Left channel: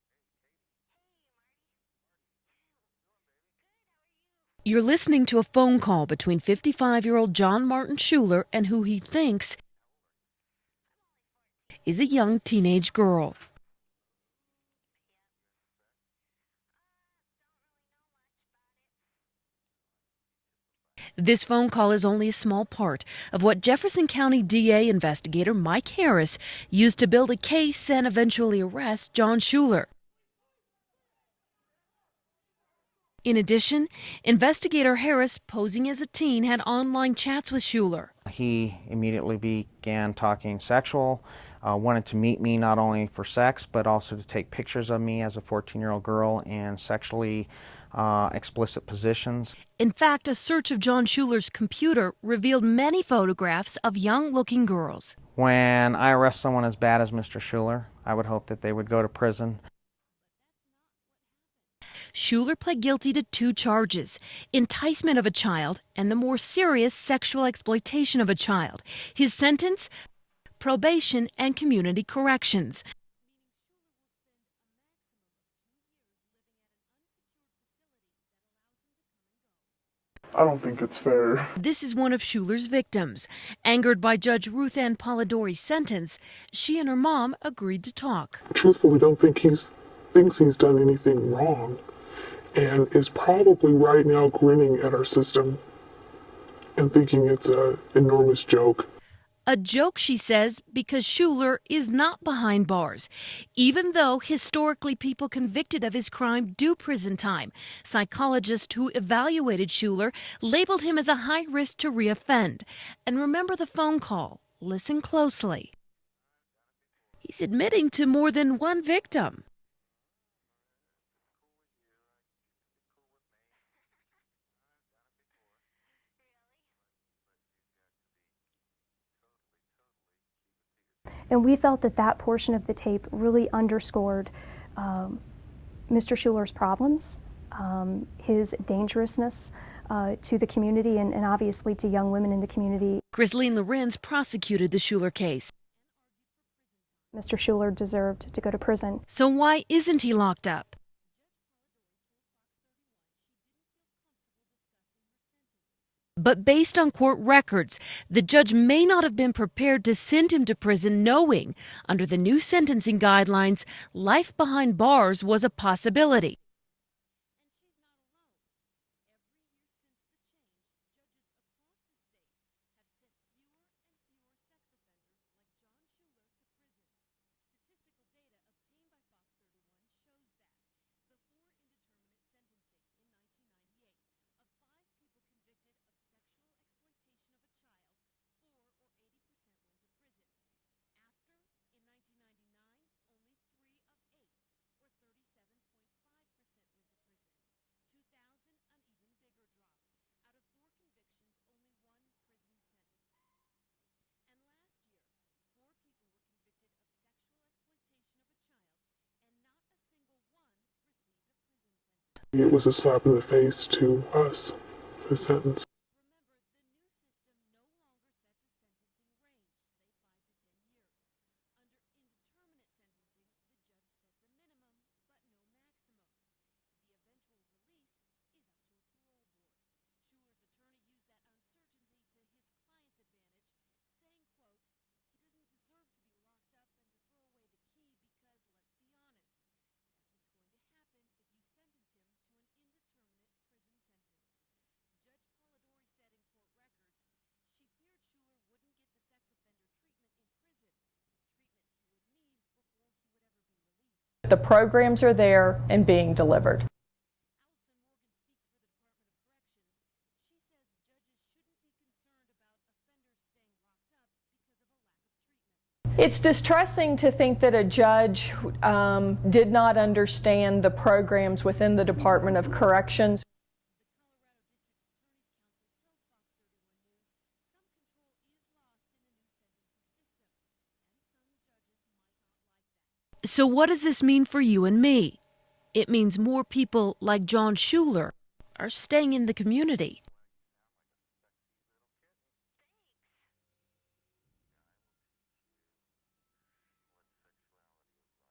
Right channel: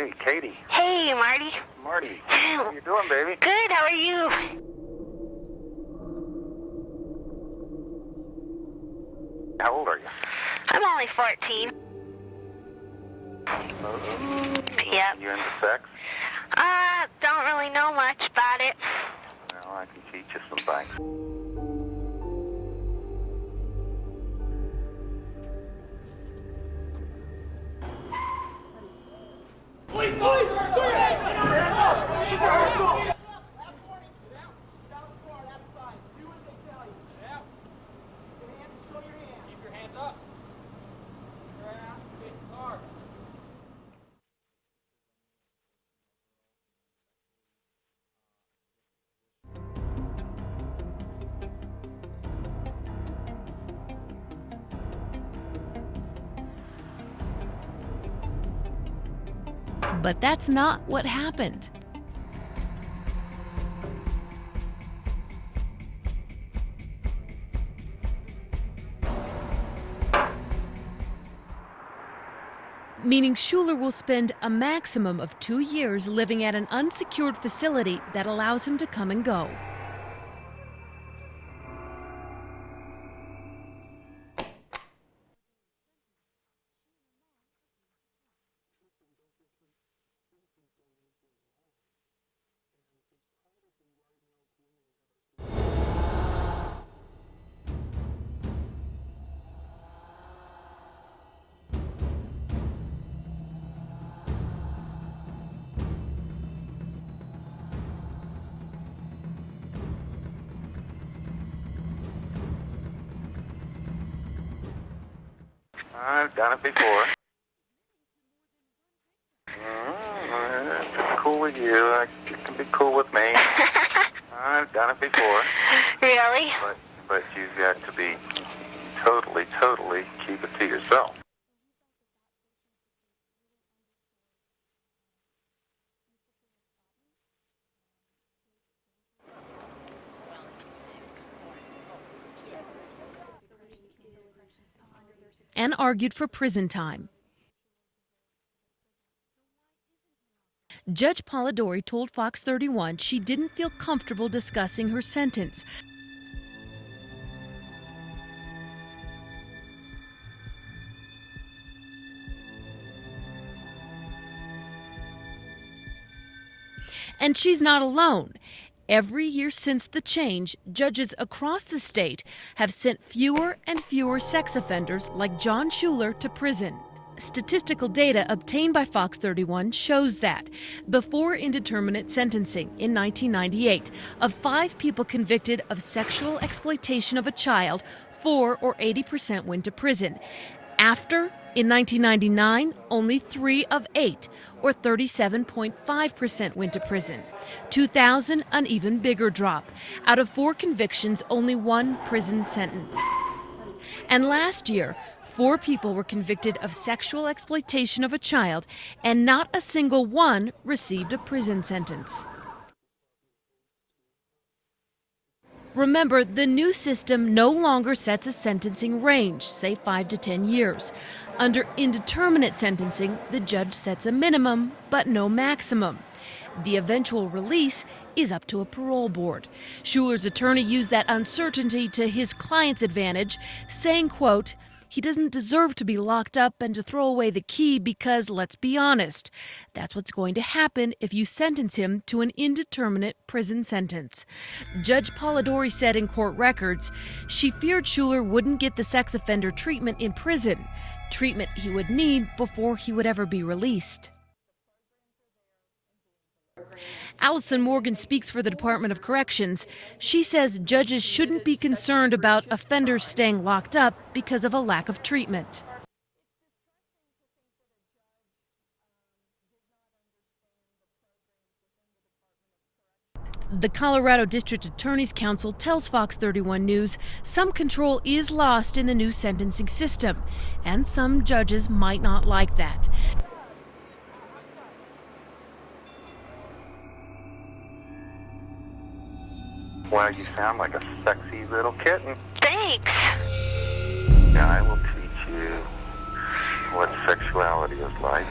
Hey, Katie. Hey, Marty. Marty. How you doing, baby? Good, how are you? You're listening to a phone call between 55-year-old John Martin Schuler and who he thinks How old are you? I'm only 14. is a young teenage girl. Yep. You into sex? Don't really know much about it. Well, I can teach you some things. This phone call is only a small part of what Jefferson County DA investigator Mike Harris used to build a case and eventually arrest John Schuler. In addition, investigator Harris, posing as a teen, had online chats with Schuler. He immediately began talking sexual, wanted to meet me not only for sex, but also to take pictures of me as a 14-year-old girl in sexually explicit positions. In fact, a search of John Schuler's computer revealed many photographs of young-looking girls. When I arrest someone as bad as Mr. Schuler, I would hope that they would go to prison. But that's not what happened. Schuler pled guilty to 2 charges: enticement of a child and the more serious sexual exploitation of a child. His sentence? Probation and community corrections, meaning Schuler will spend a maximum of 2 years living at an unsecured facility that allows him to come and go. I don't think it's fair. This is one of Schuler's victims. Angered by Judge Ruth Ann Polidori's sentence, she and her mom agreed to talk. Truthfully, don't think thinks he's done anything wrong, and is probably right now grinning at our system and thinking it's an enormous joke. A joke, she says, because Schuler is not behind bars, even though historically people convicted of his crime do prison time. Psychologists who evaluated Schuler labeled him as a high risk to reoffend. And remember the phone call. Listen closely. I've done it before. He's admitting to more than one victim. If it's cool with you, it can be cool with me. I've done it before. Really? But you've got to be totally keep it to yourself. And we felt that that portion of the tape really underscored Mr. Schuler's problems, his dangerousness to the community and obviously to young women in the community. Chrisleen Lorenz prosecuted the Schuler case and argued for prison time. Mr. Schuler deserved to go to prison. So why isn't he locked up? Judge Polidori told Fox 31 she didn't feel comfortable discussing her sentence. But based on court records, the judge may not have been prepared to send him to prison knowing, under the new sentencing guidelines, life behind bars was a possibility. And she's not alone. Every year since the change, judges across the state have sent fewer and fewer sex offenders like John Schuler to prison. Statistical data obtained by Fox 31 shows that before indeterminate sentencing in 1998, of 5 people convicted of sexual exploitation of a child, 4 or 80% went to prison. After, in 1999, only 3 of 8, or 37.5% went to prison. 2000, an even bigger drop. Out of 4 convictions, only 1 prison sentence. And last year, 4 people were convicted of sexual exploitation of a child, and not a single one received a prison sentence. It was a slap in the face to us, the sentence. Remember, the new system no longer sets a sentencing range, say 5 to 10 years. Under indeterminate sentencing, the judge sets a minimum, but no maximum. The eventual release is up to a parole board. Schuler's attorney used that uncertainty to his client's advantage, saying, quote, "He doesn't deserve to be locked up and to throw away the key because, let's be honest, that's what's going to happen if you sentence him to an indeterminate prison sentence." Judge Polidori said in court records she feared Schuler wouldn't get the sex offender treatment in prison, treatment he would need before he would ever be released. The programs are there and being delivered. Allison Morgan speaks for the Department of Corrections. She says judges shouldn't be concerned about offenders staying locked up because of a lack of treatment. It's distressing to think that a judge did not understand the programs within the Department of Corrections. The Colorado District Attorney's Council tells Fox 31 News some control is lost in the new sentencing system, and some judges might not like that. So what does this mean for you and me? It means more people like John Schuler are staying in the community. Wow, you sound like a sexy little kitten. Thanks. Now I will teach you what sexuality is like.